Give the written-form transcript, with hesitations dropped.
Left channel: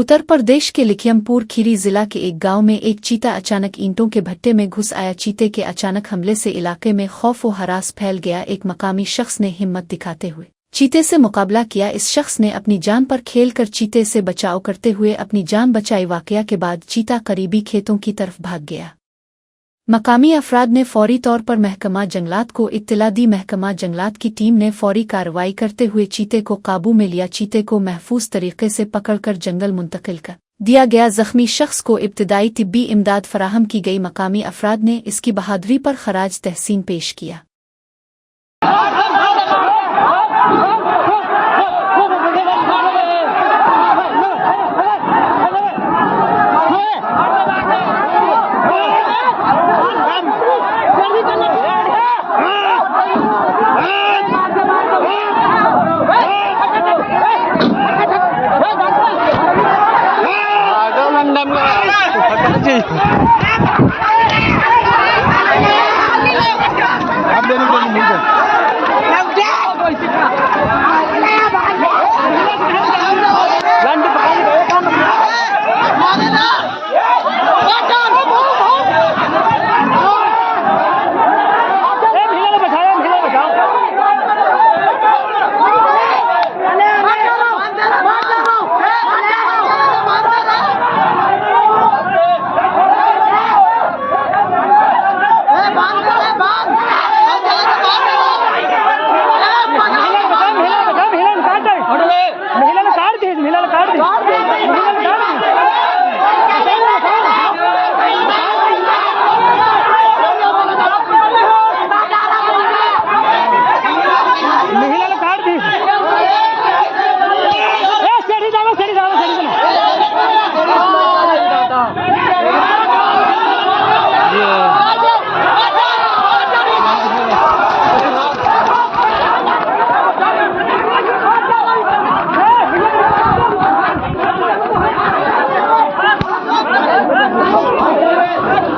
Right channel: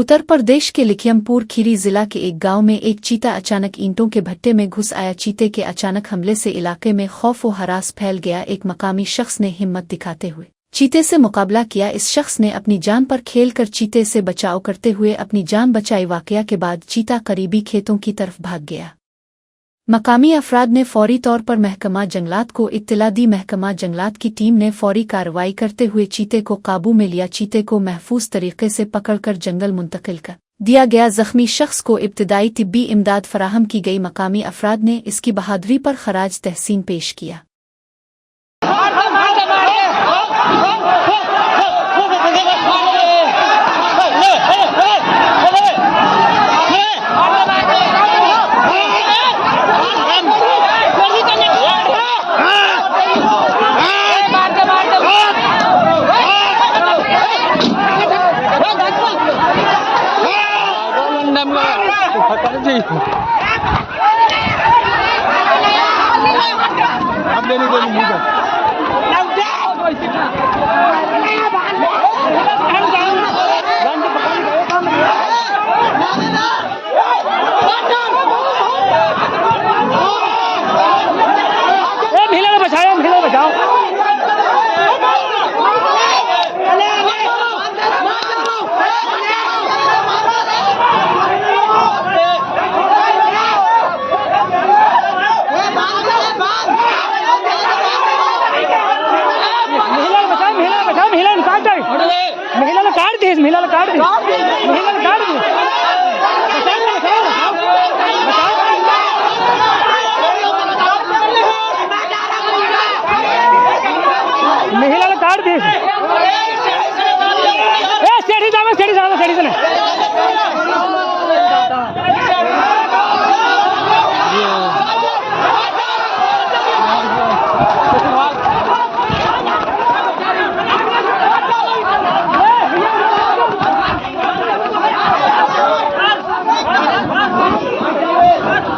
उत्तर प्रदेश के लखीमपुर खीरी जिला के एक गांव में एक चीता अचानक ईंटों के भट्टे में घुस आया। चीते के अचानक हमले से इलाके में खौफ व हरास फैल गया। एक मकामी शख्स ने हिम्मत दिखाते हुए चीते से मुकाबला किया। इस शख्स ने अपनी जान पर खेलकर चीते से बचाव करते हुए अपनी जान बचाई। वाकया के बाद चीता करीबी खेतों की तरफ भाग गया। मकामी अफराद ने फौरी तौर पर महकमा जंगलात को इत्तला दी। महकमा जंगलात की टीम ने फौरी कार्रवाई करते हुए चीते को काबू में लिया। चीते को महफूज तरीके से पकड़कर जंगल मुंतकिल कर दिया गया। जख्मी शख्स को इब्तदाई तिब्बी इमदाद फराहम की गई। मकामी अफराद ने इसकी बहादुरी पर खराज तहसीन पेश किया। आप लेने